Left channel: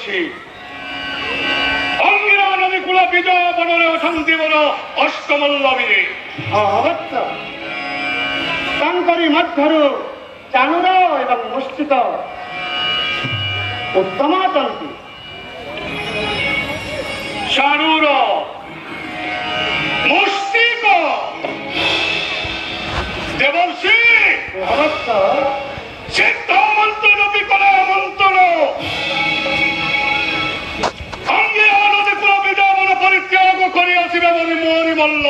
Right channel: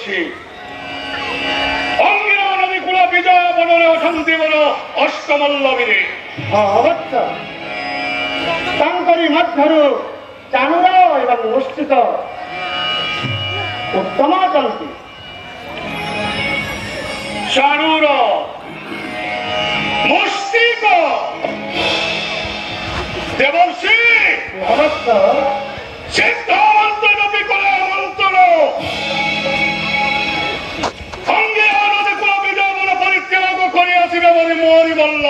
দেবর্ষী অঙ্গিরা নদী কুল বিজয় বনরে অশান্তি বন অষ্টমল্লবীরে অবশ্য ତାଙ୍କରି ମଧ୍ୟରୁ ଚାଣୁର ଏବଂ ମୁଷ୍ଟିକ ଉତ୍ତମ ଅଟନ୍ତି। ଚାଣୁର ମୁଷ୍ଟିକ ଦେବର୍ଷୀ ଅବଶ୍ୟ ସିଦ୍ଧ ମନ୍ତ୍ର ନଦୀ କଲେ ମନ୍ତ୍ରଣ ଅଙ୍ଗିରା ନଦୀ କୁଳ ବିଜୟ ବନ ପରିତ୍ୟାଗ କରି ଆସିବେ ବୋଲି ମୋରି ବଲ୍ଲ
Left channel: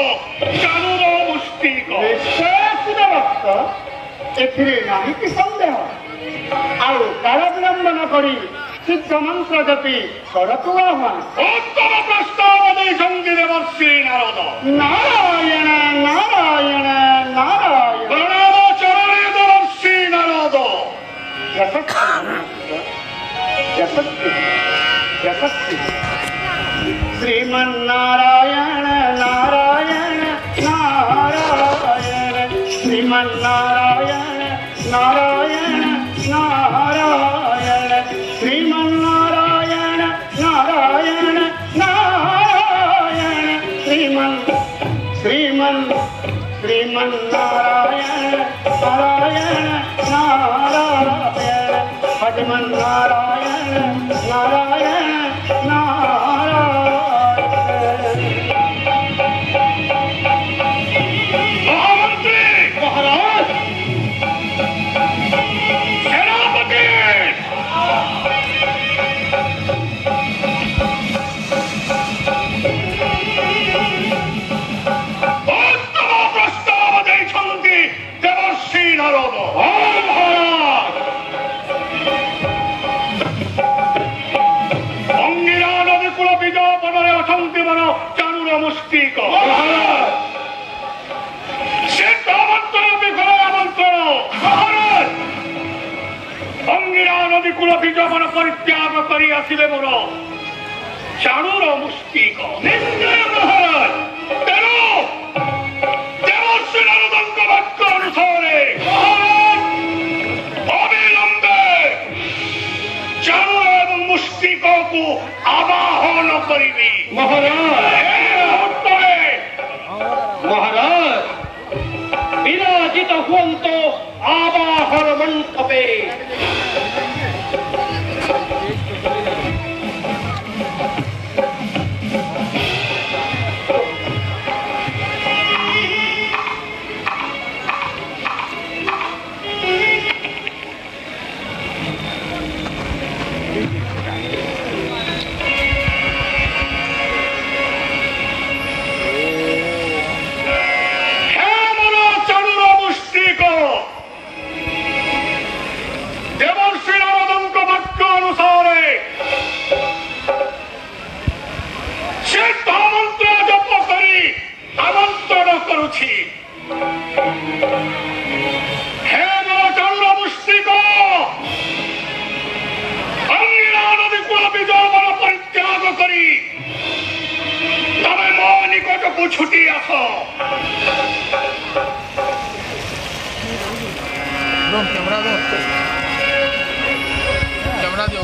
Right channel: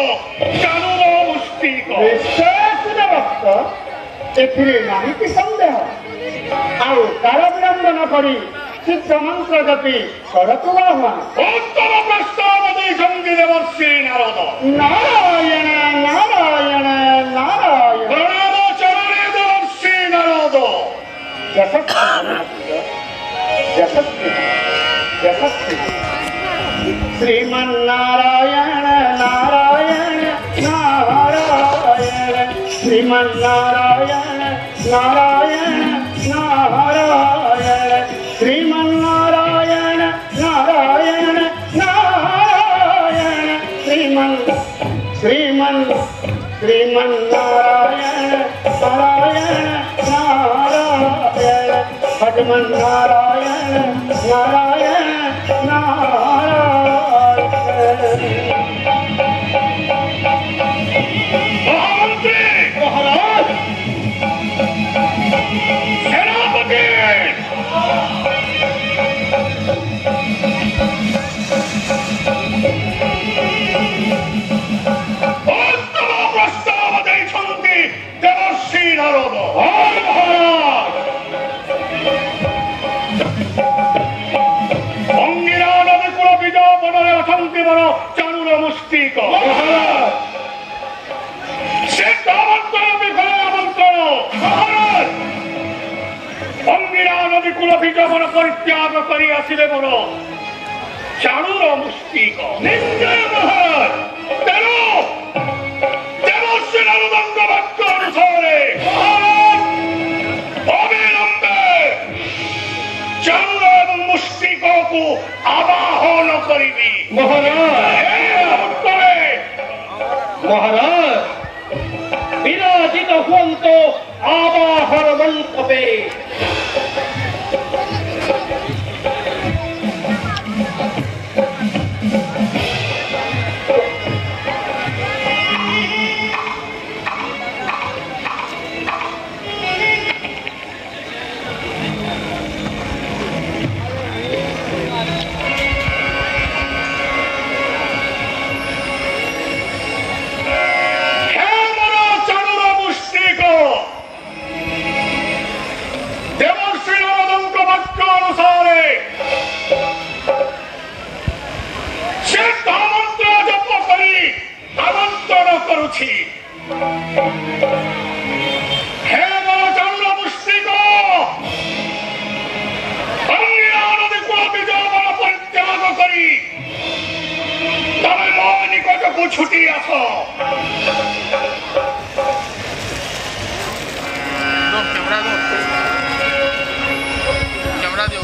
ଚାଣୁର ମୁଷ୍ଟିକ ଭକ୍ତ ଏଥିରେ ନାହିଁ କି ସନ୍ଦେହ। ଆଉ କାଳ ବିଳମ୍ବ ନ କରି ସିଦ୍ଧ ମନ୍ତ୍ର ଜପି ସଡ଼କୁ ଆହ୍ୱାନ। ଉତ୍ତମ ପ୍ରସ୍ତାବ ଦେଇଛନ୍ତି ଦେବର୍ଷୀ ନାରଦ। ନାରାୟଣ ନାରାୟଣ ନାରାୟଣ ପ୍ରଣବ ଚରଣୀ ଦେବର୍ଷୀ ନାରଦ। ଶ୍ରୀମନ୍ନାରାୟଣ ନାରାୟଣ ନାରାୟଣ ଶ୍ରୀମନ୍ନାରାୟଣ ନାରାୟଣ ନାରାୟଣ ଶ୍ରୀମନ୍ନାରାୟଣ ନାରାୟଣ ନାରାୟଣ ଶ୍ରୀମନ୍ନାରାୟଣ ନାରାୟଣ ନାରାୟଣ ହରିମନ୍ନାରାୟଣ ନାରାୟଣ ନାରାୟଣ। মহামন্ত্রী মহারাজ সেনাপতি উত্তম প্রস্তাব ଦେଇଛନ୍ତି ଦେବର୍ଷୀ ନାରଦ। ଅଙ୍ଗିରା ନଦୀ କୂଳ ବିଜୟ ବନରେ ଅଛନ୍ତି ବନ ଚାଣୁର ମୁଷ୍ଟିକ ସିଦ୍ଧ ମନ୍ତ୍ର ନଦୀ କଲେ ଆମନ୍ତ୍ରଣ ଅଙ୍ଗିରା ନଦୀ କୂଳ ବିଜୟ ବନ ପରିତ୍ୟାଗ କରି ଆସିବେ ମୋର ଚାଣୁର ମୁଷ୍ଟିକ। ମହାରାଜ ତେଣୁ ଦେବର୍ଷୀ ନାରଦଙ୍କ ବାକ୍ୟ ଅନୁସାରେ ଅବିଳମ୍ବେ ଚାଣୁର ଏବଂ ମୁଷ୍ଟିକକୁ ଆବାହନ କରିବି। ମହାରାଜ ବିରାଜିତ ହୁଅନ୍ତୁ ଆବାହନ ମଣ୍ଡପେ। ଦେବର୍ଷୀ ନାରଦଙ୍କ ବାକ୍ୟ ଅନୁସାରେ ସିଦ୍ଧ ମନ୍ତ୍ର ଜପ କରି ଆମନ୍ତ୍ରଣ କରୁଛି। ହେ ମୋର ଚାଣୁର ମୁଷ୍ଟିକ ଅଙ୍ଗିରା ନଦୀ କୂଳ ବିଜୟ ବନ ପରିତ୍ୟାଗ କରି ତମେ ମୋ ନିକଟକୁ ଛୁଟି ଆସ। कैमरा दो कैमरा दो